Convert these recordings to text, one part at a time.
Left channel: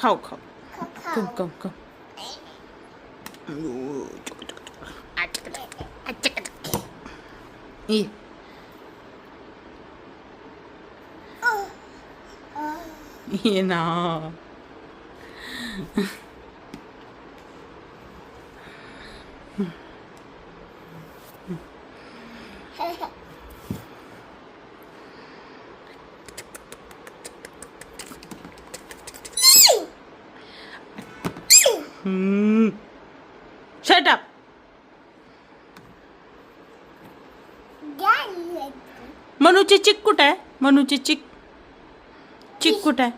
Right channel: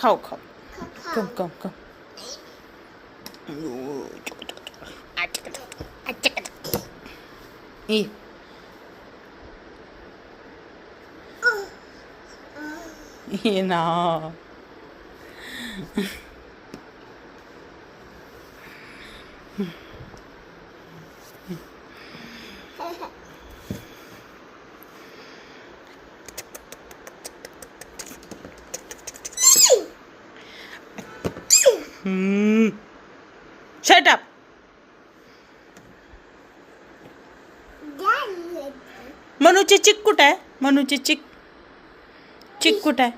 खाऊ खाऊ कम कम कम ये ये ना Shut up. मनूची चिक कुठे आहे? मनूची चिक चिक कुठे आहे?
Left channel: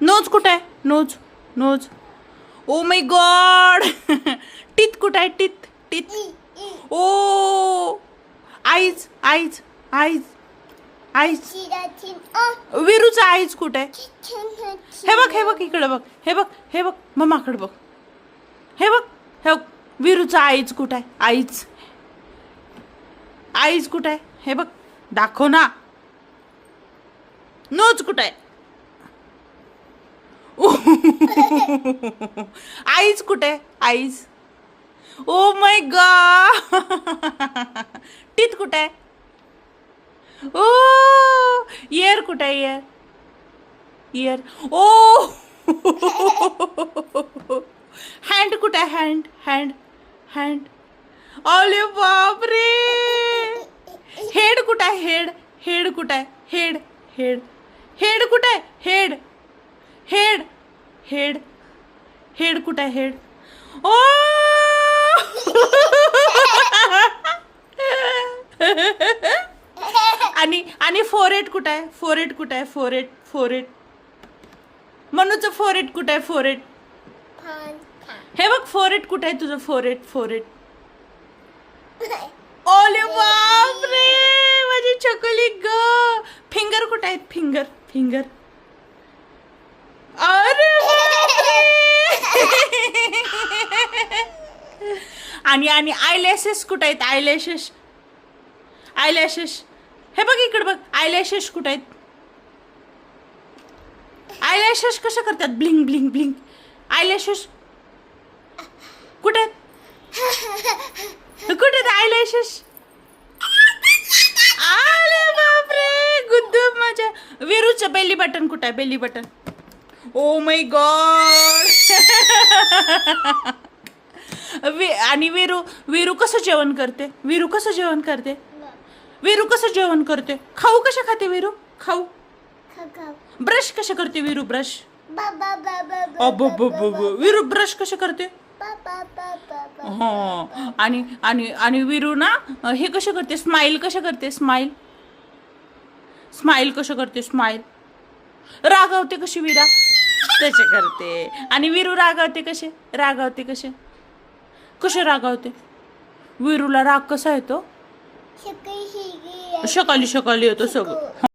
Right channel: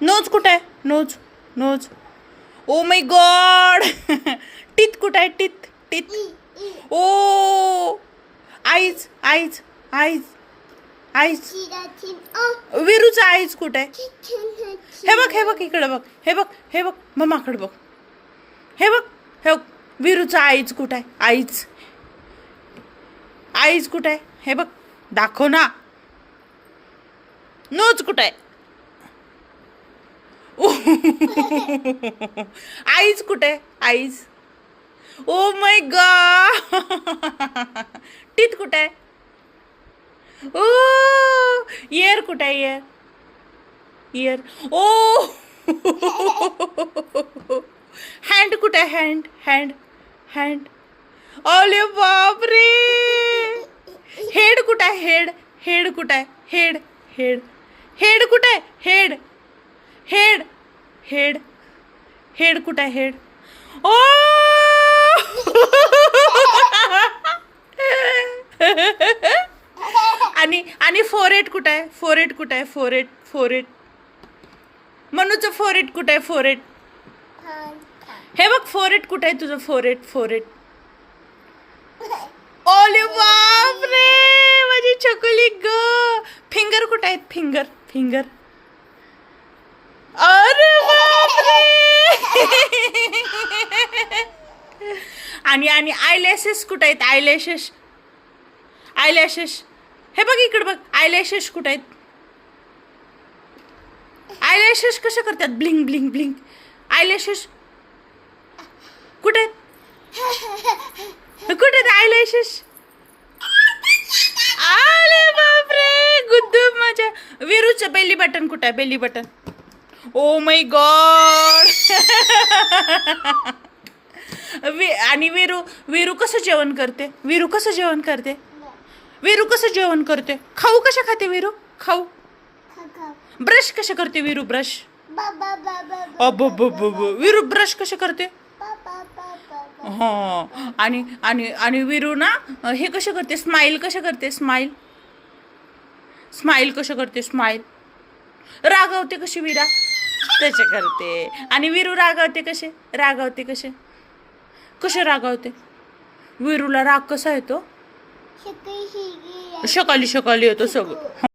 नोज कुठे आहे? Nose nose. Oh my God. Teeth कुठे आहे? Teeth teeth. Oh eyes eyes eyes eyes. विरूचा आईज कुठे आहे? हे बघ इकडे बघ. हे बघ मम्माकडे बघ. हे बघ विरूचा आईज कुठे आहे? आईज आईज कुठे आहे? हे बघ दाखव ना. नोज कुठे आहे? आईज कुठे आहे? Eyes. O my God. Teeth कुठे आहे? ओ इयर कुठे आहे? Year year. ओ हँड कुठे आहे? Hand hand hand. अरे बापरे. हेड कुठे आहे? हेड हेड कुठे आहे? हेड हेड हेड कुठे आहे? हेड हेड हेड हेड कुठे आहे? हेड. ओ आणि फोरहेड कुठे आहे? फोरहेड कुठे आहे? Forehead forehead. मनूचं फोरहेड कुठे आहे? फोरहेड. हे बघ फोरहेड कुठे आहे तुझं? Forehead forehead. ओले बापरे माझी चकोली ग. फिंगर कुठे आहेत? Finger finger. अरे बापरे. आणि आयलॅशेस कुठे आहेत? Eyelashes eyelashes. हे बघ इकडे बघ. आयलॅशेस कुठे आहेत? आयलॅशेस कसे करतात? Bling bling bling. आयलॅशेस कुठे आहेत? कुठे आहेत आयलॅशेस? अरे बापरे गुद्दू माझ्या. विरूचं बेली बटन कुठे आहे? Belly button. O my God. आणि विरू कसं जेवण करते? विरू कसं जेवण करते? विरू कसं जेवण करते? खाऊ कशा खाते विरू? खाऊ. ब्रश कशा करते विरू? ब्रश. विरू ब्रश कशा करते? हा. आणि विरू ना हे कशा करते? स्माइल कशा करते? स्माइल स्माइल कशा करते? स्माइल. रागावते कशी विरा? तसे करते. आणि विरू रागावते कसे? रागावते कसे? कसे रागावते? विरूला राग कसा येतो? सकाळी सकाळी येतो सगळं.